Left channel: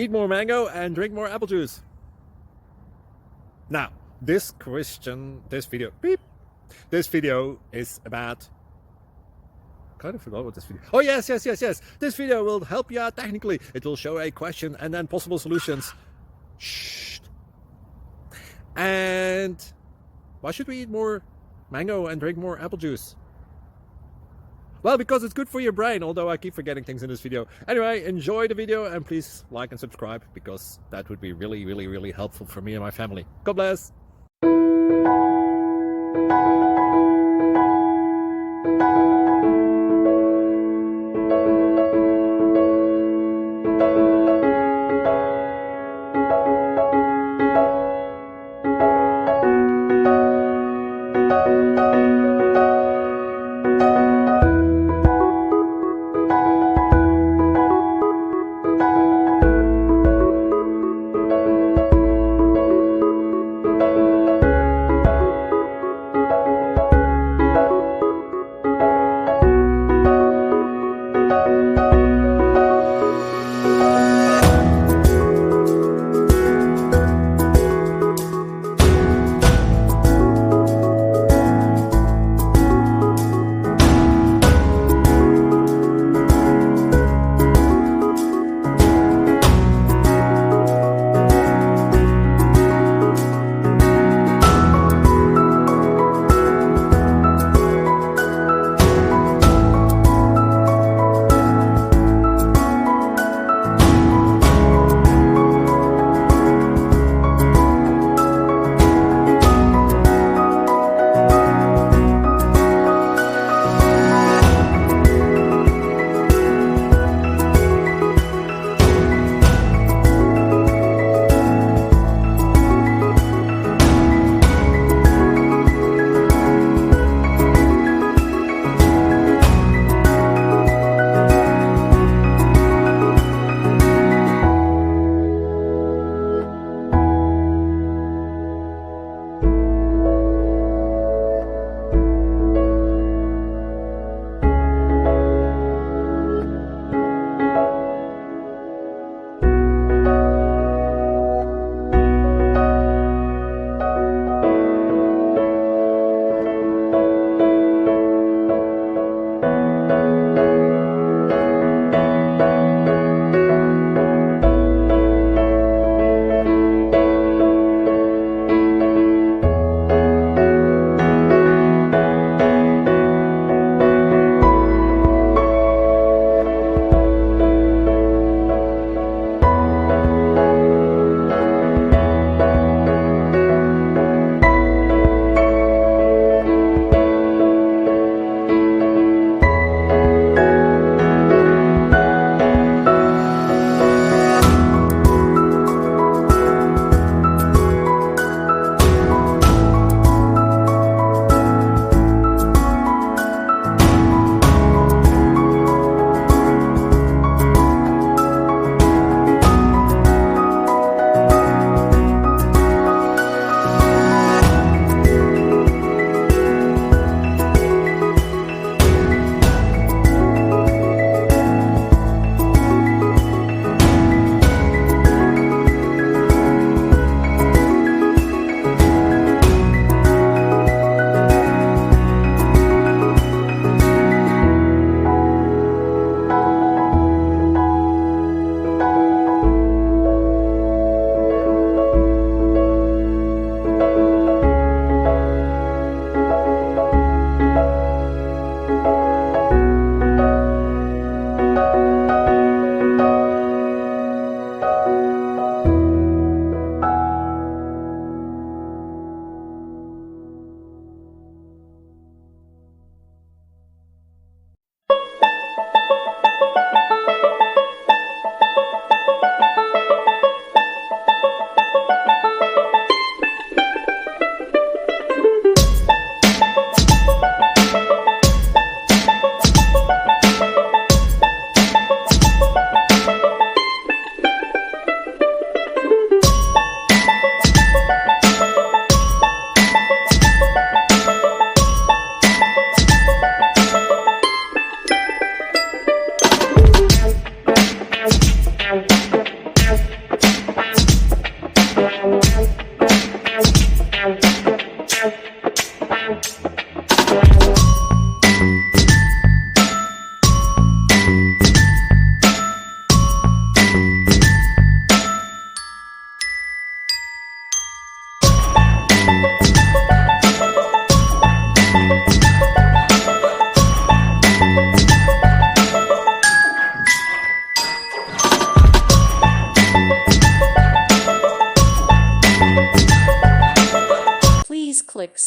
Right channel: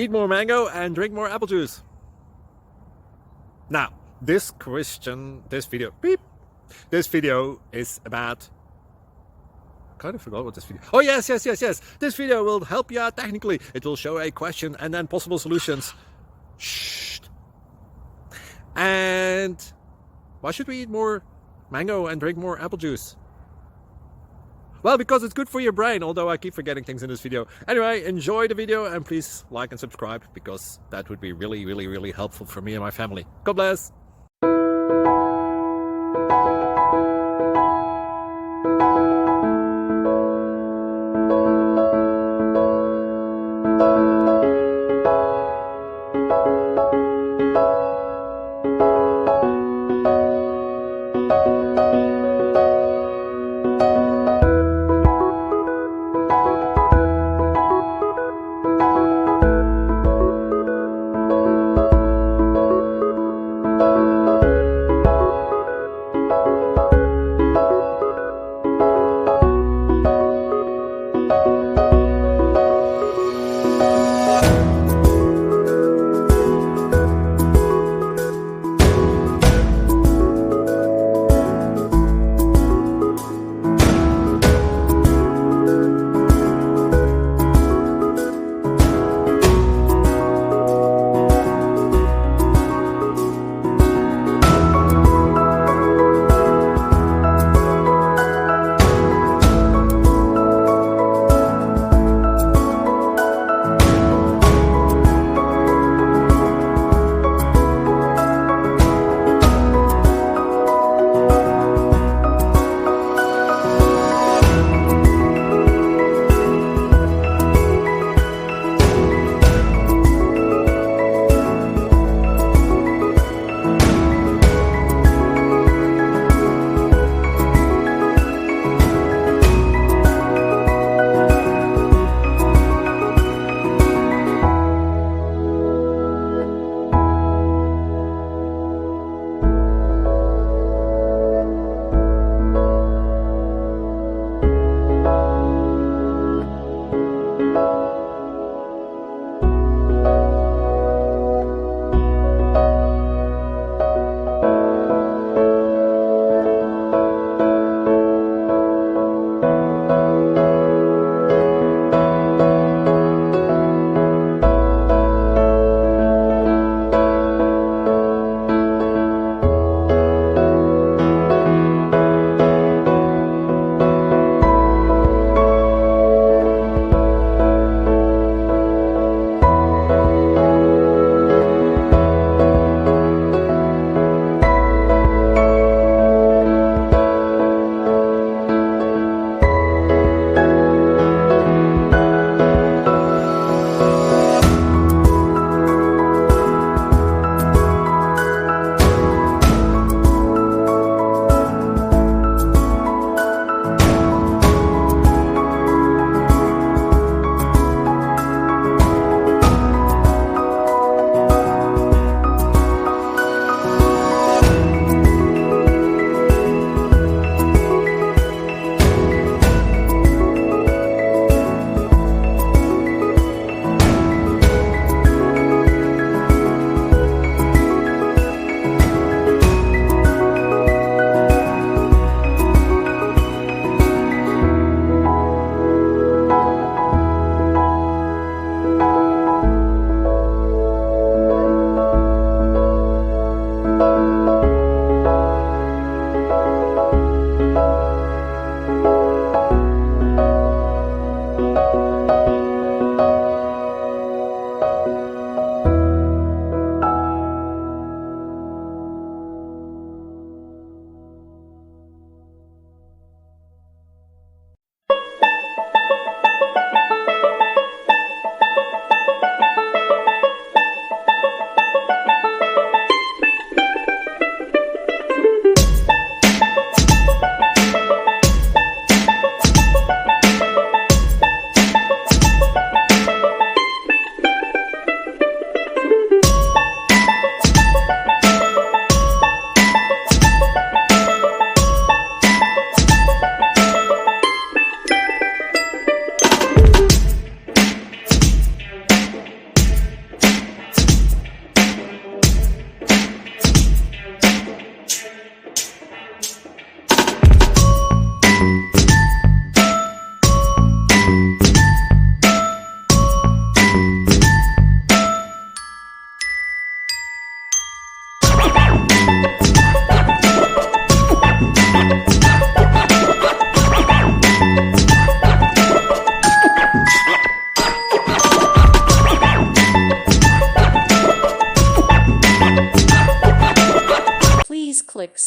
Eat more mango and drink more apple juice. Now, this video is about... I kind of forgot what this video... Oh, yes. This video will help you out technically. It will show a question and then possible solutions. Shh. And why should we eat more mango and drink more apple juice? Well, because it's good for your brain, although I keep forgetting things in this video. Anyway, enjoy the video and please like and subscribe, because that would be really helpful for me and my family. God bless!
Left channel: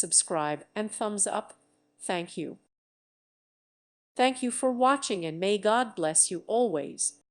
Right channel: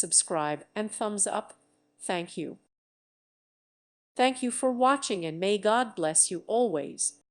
subscribe, and thumbs up. Thank you. Thank you for watching, and may God bless you always.